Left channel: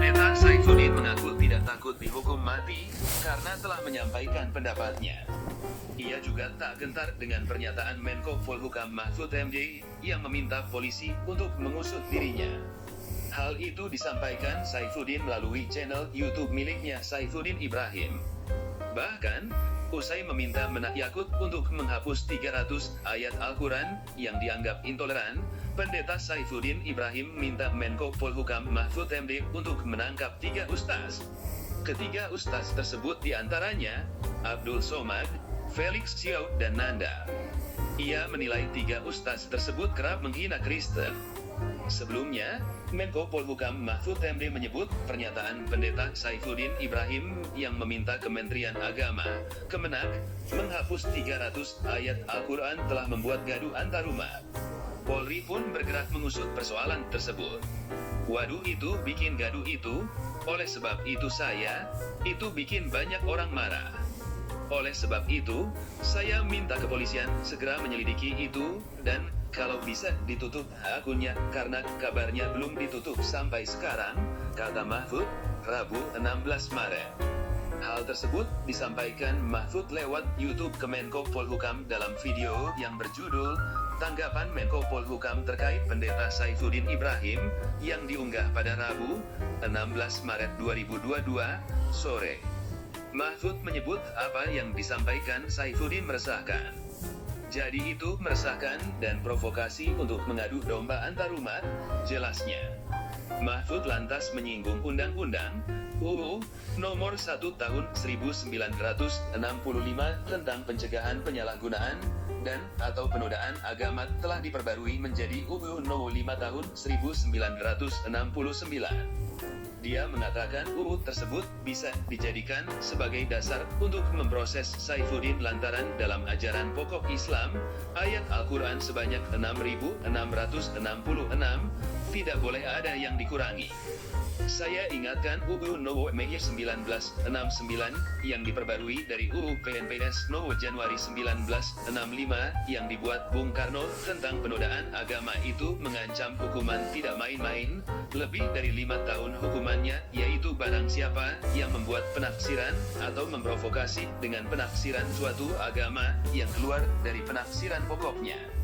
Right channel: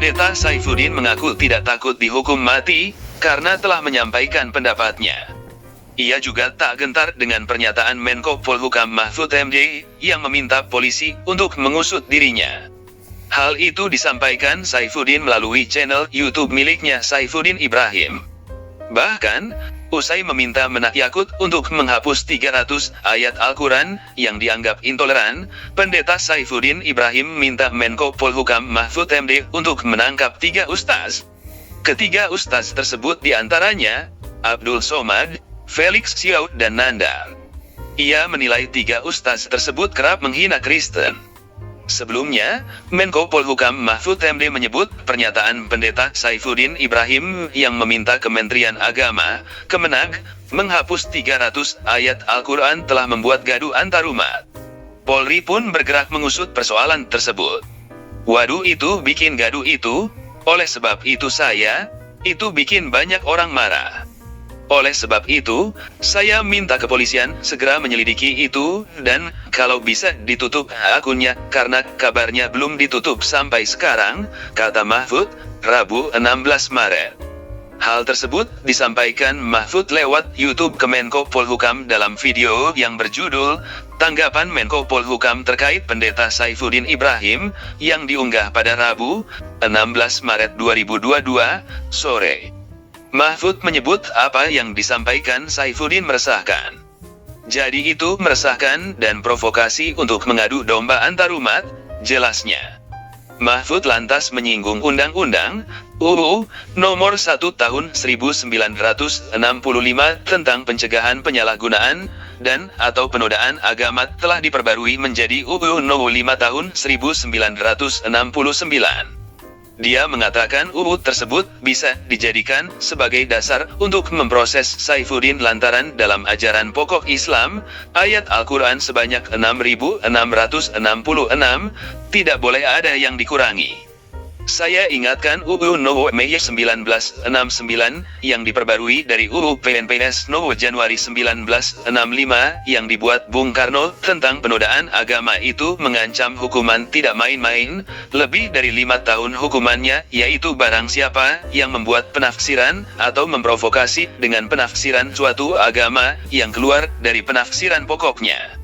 Pendeta Saifuddin mengaku tidak takut dihukum mati, karena telah menyampaikan pendapatnya. Ia juga tak gentar dengan pernyataan Menko Polhukam Mahfud MD, yang meminta polisi untuk mengusut dirinya. Hal itu disampaikan Saifuddin melalui channel YouTube miliknya Saifuddin Ibrahim. Bahkan, usai meminta Menak Yakut untuk menghapus 300 ayat Al-Quran yang dianggap intoleran, Pendeta Saifuddin Ibrahim minta Menko Polhukam Mahfud MD untuk menangkap 3 ustaz. Ketiga ustaz tersebut diantaranya Abdul Somad, Felix Xiao, dan Nanda. Ia menilai 3 ustaz tersebut kerap menghina Kristen. Sebelumnya, Menko Polhukam Mahfud MD menyebut pernyataan Pendeta Saifuddin Ibrahim yang meminta Kementerian Agama, Kemenak, menghapus 300 ayat Al-Quran telah membuat gaduh antarumat. Polri pun bergerak mengusut persoalan tersebut. Waduh, itu bikin gaduh itu, oleh sebab itu itu bikin banyak orang marah. Oleh sebab itu, saya minta kepolisian segera menyelidiki itu, dan kalau bisa ditutup akunnya, karena kabarnya belum ditutup sampai sekarang, kata Mahfud, Rabu 16 Maret. Hal tersebut disampaikan Mahfud lewat YouTube Kemenko Polhukam dalam video yang berjudul Tanggapan Menko Polhukam terkait Pendeta Saifuddin Ibrahim, yang diunggah pada Rabu, 16 Maret 2022, sore. Mahfud menyebut apa yang disampaikan Saifuddin meresahkan. Jadi itu meresahkan dan provokasi untuk mengadu domba antarumat, jelasnya. Mahfud lantas menyinggung Undang-Undang UU Nomor 1 Tahun 1965 tentang pencegahan penyalahgunaan dan atau penodaan agama telah diperbarui menjadi UU Nomor 5 Tahun 1969. Dia mengatakan UU tersebut bisa dijadikan sebagai dasar untuk memproses Saifuddin lantaran dalam ajaran pokok Islam, ayat Al-Quran sebanyak 6.666, tidak boleh ada yang dikurangi. Saya ingatkan UU Nomor 1969 yang diperbarui dari UU PNPS Nomor Januari 1965 yang dibuat Bung Karno tentang penodaan agama itu mengancam hukuman tidak main-main, lebih dari 5 tahun hukumannya, yaitu barang siapa yang membuat penafsiran atau memprovokasi dengan penafsiran suatu agama yang keluar dari penafsiran pokoknya.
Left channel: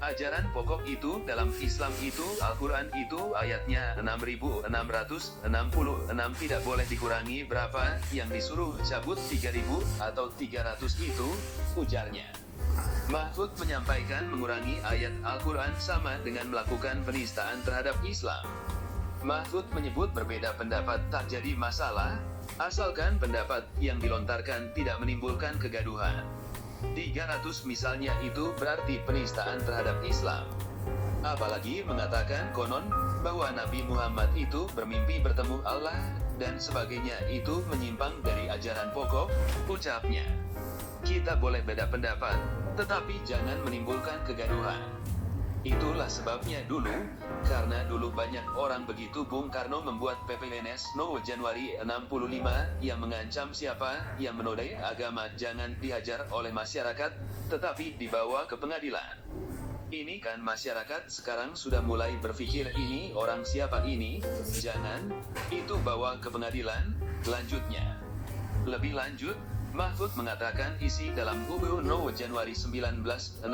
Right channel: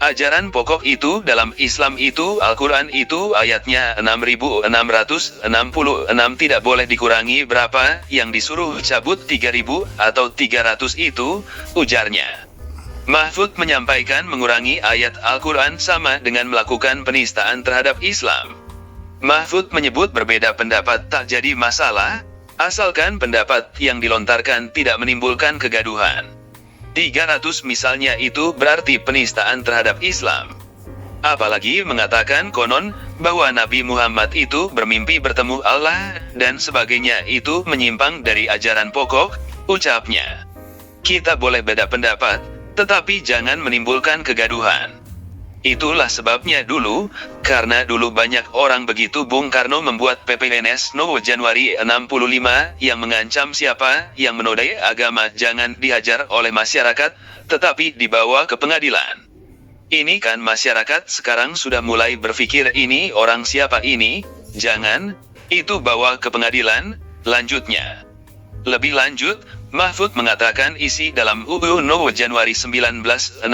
Ajaran pokok itu dalam Islam itu Al-Quran itu ayatnya 6.666 tidak boleh dikurangi berapa yang disuruh cabut 3.000 atau 300 itu, ujarnya. Mahfud menyampaikan mengurangi ayat Al-Quran sama dengan melakukan penistaan terhadap Islam. Mahfud menyebut berbeda pendapat tak jadi masalah, asalkan pendapat yang dilontarkan tidak menimbulkan kegaduhan. 300 misalnya itu berarti penistaan terhadap Islam. Apalagi mengatakan konon bahwa Nabi Muhammad itu bermimpi bertemu Allah dan sebagainya itu menyimpang dari ajaran pokok, ucapnya. Kita boleh beda pendapat, tetapi jangan menimbulkan kegaduhan. Itulah sebabnya dulu, karena dulu banyak orang begitu Bung Karno membuat PPNS Nomor Januari 65 yang mengancam siapa yang menodai agama jangan dihajar oleh masyarakat, tetapi dibawa ke pengadilan. Ini kan masyarakat sekarang sudah mulai berpikir ini orang siapa ini, jangan, itu bawa ke pengadilan, lanjutnya. Lebih lanjut, Mahfud mengatakan isi dalam UU Nomor Januari 1965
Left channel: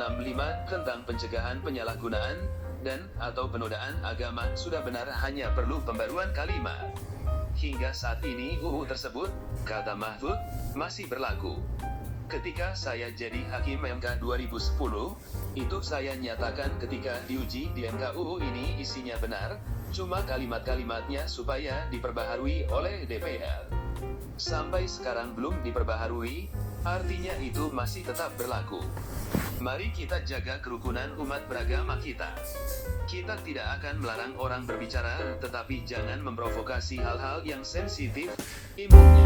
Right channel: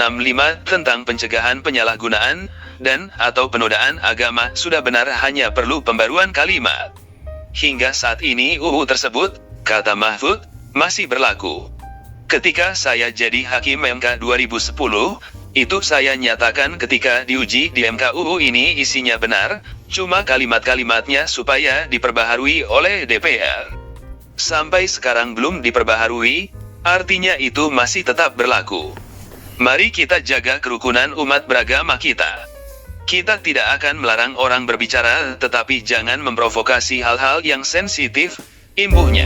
tentang pencegahan penyalahgunaan dan atau penodaan agama sudah benar hanya perlu pembaruan kalimat. Hingga saat ini UU tersebut, kata Mahfud, masih berlaku. Ketika saya jadi Hakim MK 2010, itu saya nyatakan ketika diuji di MK UU ini isinya benar, cuma kalimat-kalimatnya supaya diperbaharui oleh DPR. Sampai sekarang belum diperbaharui, artinya itu masih tetap berlaku. Mari kita jaga kerukunan umat beragama kita. Kita tidak akan melarang orang berbicara, tetapi jangan memprovokasi hal-hal yang sensitif, imbuhnya.